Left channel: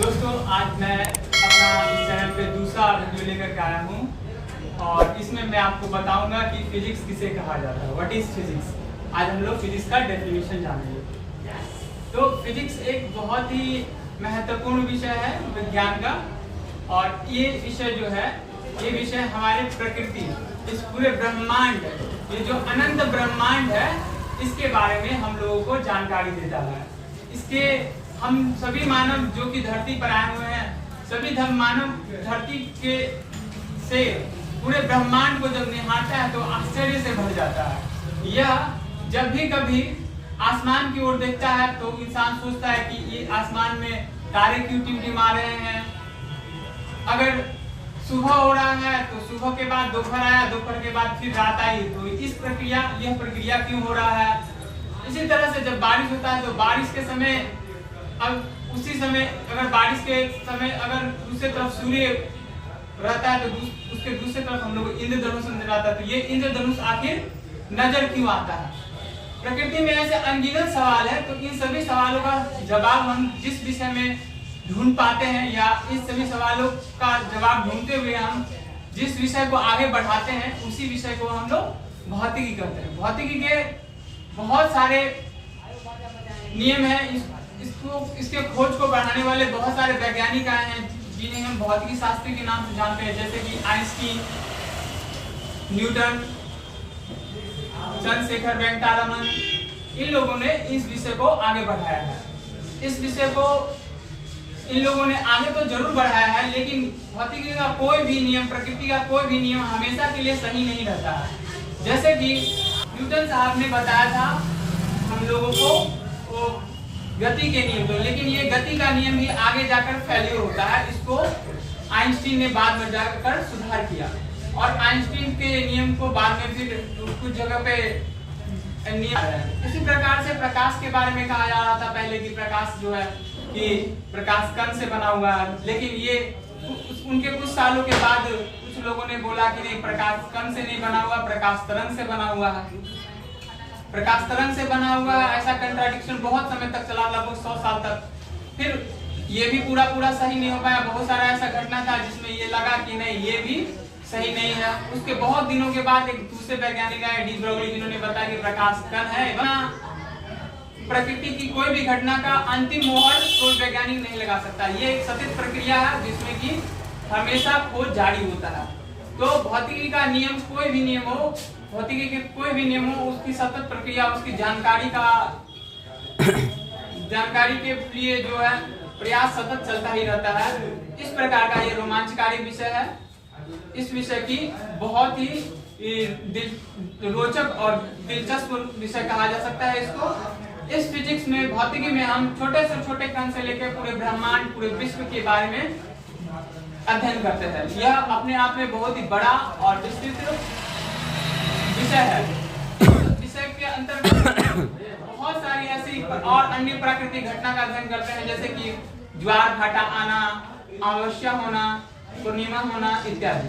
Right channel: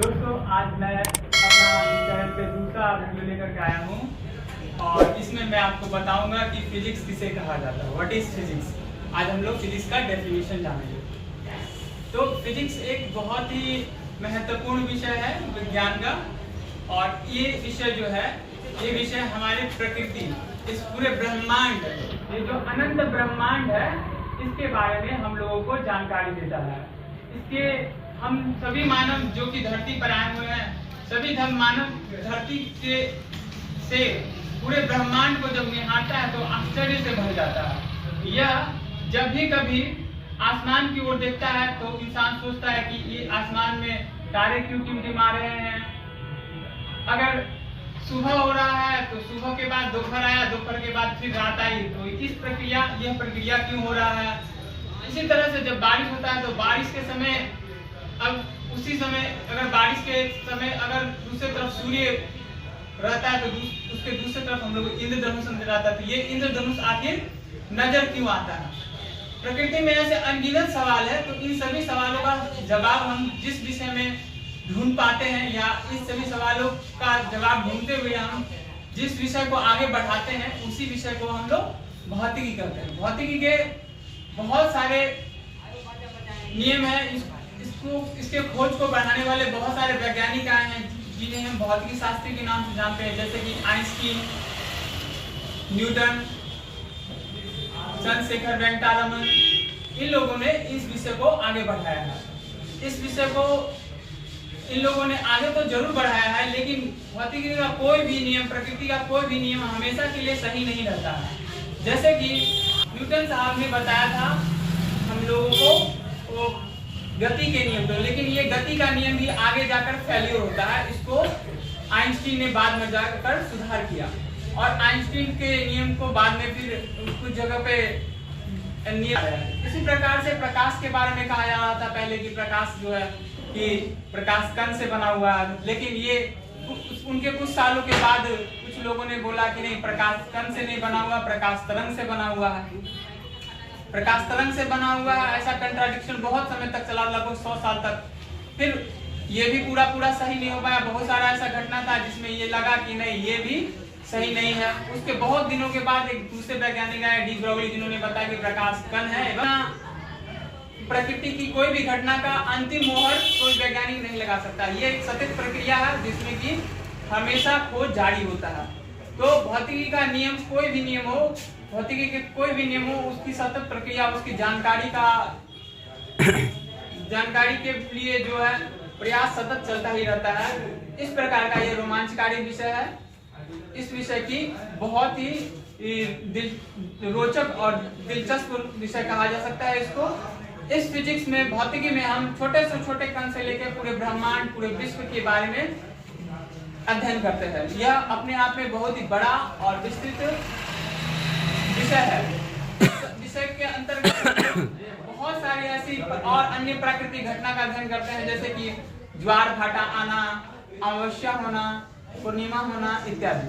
दोस्तों आज मैं अपना इस चैनल पे दूसरा वीडियो लेकर के आया हूँ और इसमें मैं आपको बताऊंगा कि फिजिक्स किसे कहा जाता है। What is physics. आज हम लोग फिजिक्स का डेफिनेशन जानेंगे। तो फिजिक्स एक बहुत ही महत्वपूर्ण विषय है विज्ञान का, और ये विषय जो है ये विषय हमारे प्रकृति, इस पूरे ब्रह्मांड, ये जो अनंत ब्रह्मांड है इसके बारे में हम लोगों को जानकारी देता है। इसके हम सभी मानव जो कि धरती पर आए हुए हैं, सभी मानव धरती के से पूरे ब्रह्मांड को जब निहारता है तो आश्चर्य से भर जाता है। यह जब भी कभी आसमान की ओर देखता है तो इंसान सोचता है कि ये आसमान में तारे क्यों टिमटिमा रहे हैं। अगर सुबह हो रहा है तो सुबह के बाद दोपहर आया, दोपहर के बाद फिर रात आई, तो यह प्रक्रिया क्यों हो रहा है। इसी तरह से जब बारिश होता है तो बारिश के समय, अब उसी समय अगर बारिश के समय अगर दूसरी तरफ सूर्य रहता है तो उसके दूसरी तरफ हम लोग इंद्रधनुष नजर आता है। तो ये इंद्रधनुष आखिर नजर क्यों आता है। प्रकृति में ऐसे अनगिनत सवाल है, तो इन सभी सवालों का जवाब हम जिस विषय में ढूंढ पाते हैं, या इन सभी सवालों का जवाब ढूंढते हुए हम जिस विषय को आगे बढ़ाते हैं उसी विषय को हम लोग भौतिकी कहते हैं। भौतिकी के बहुत सारे नियम हैं। इसके खोज को बढ़ाने वाले बहुत सारे वैज्ञानिक आए हैं जिन्हें हम भौतिकी शास्त्री के नाम से जानते हैं, जैसे कि आइंस्टीन, न्यूटन, चंद्रशेखर वेंकटरमन। इन लोगों ने इस विषय को आगे बढ़ाया है। इस विषय को इन लोगों ने आगे तो जरूर बढ़ाया है, लेकिन भौतिकी का कोई भी नियम, प्रकृति का कोई भी नियम हमेशा के लिए सही नहीं रहता है। जैसे कि न्यूटन साहब ने बताया था हम लोगों को वो गति के नियम, तो लेकिन ये गति का नियम भी आगे जाकर फेल्योर होता है। इसको आइंस्टीन ने बाद में जाकर सुधार किया, और आइंस्टीन के नियम को बाद में फिर कुछ जगह पे इसी प्रकार से प्रकाश के बारे में कहा जा रहा था पहले कि प्रकाश जो है कि प्रकाश कण से बना हुआ है, लेकिन ये उनके कुछ सालों के बाद कुछ लोगों ने बोला कि नहीं, प्रकाश कण से नहीं बना हुआ, प्रकाश तरंग से बना हुआ है। प्रकाश तरंग से बना हुआ ऐसा कंट्राडिक्शन बहुत समय तक चला, लगभग 100 साल तक। फिर ये भी पूरा सही नहीं हो पाया। बहुत सारा ऐसा घटना था जिसमें ये लगा कि नहीं, ये भी सही नहीं है। उसके बहुत दिनों के बाद एक दूसरे वैज्ञानिक आए, डी ब्रोगली, जिन्होंने बताया कि प्रकाश कण है। प्रकृति की कोई भी घटना का अंतिम मोहर कोई वैज्ञानिक नहीं लगा सकता। ये एक सतत प्रक्रिया है जिसमें कि हमेशा खोज जारी होता है। तो भौतिकी का नियम, कोई भी नियम हो, भौतिकी के कोई भी नियम हो, उसकी सतत प्रक्रिया, उसकी जानकारी के लिए जो है प्रयास सतत चलता ही रहता है। इस प्रकार का ये रोमांचकारी विषय है। इस विषय की बहुत ही रोचक और दिलचस्प विषय कहा जा सकता है इसको। इस फिजिक्स में, भौतिकी में हम छोटे से छोटे कण से लेकर पूरे ब्रह्मांड, पूरे विश्व के बारे में अध्ययन करते हैं। यह अपने आप में बहुत ही बड़ा और विस्तृत विषय है। विषय के अंतर्गत बहुत सारी ऐसी और अन्य प्राकृतिक घटना का अध्ययन करते हैं, जैसे कि ज्वार भाटा आना, अमावस्या होना, पूर्णिमा होना इत्यादि।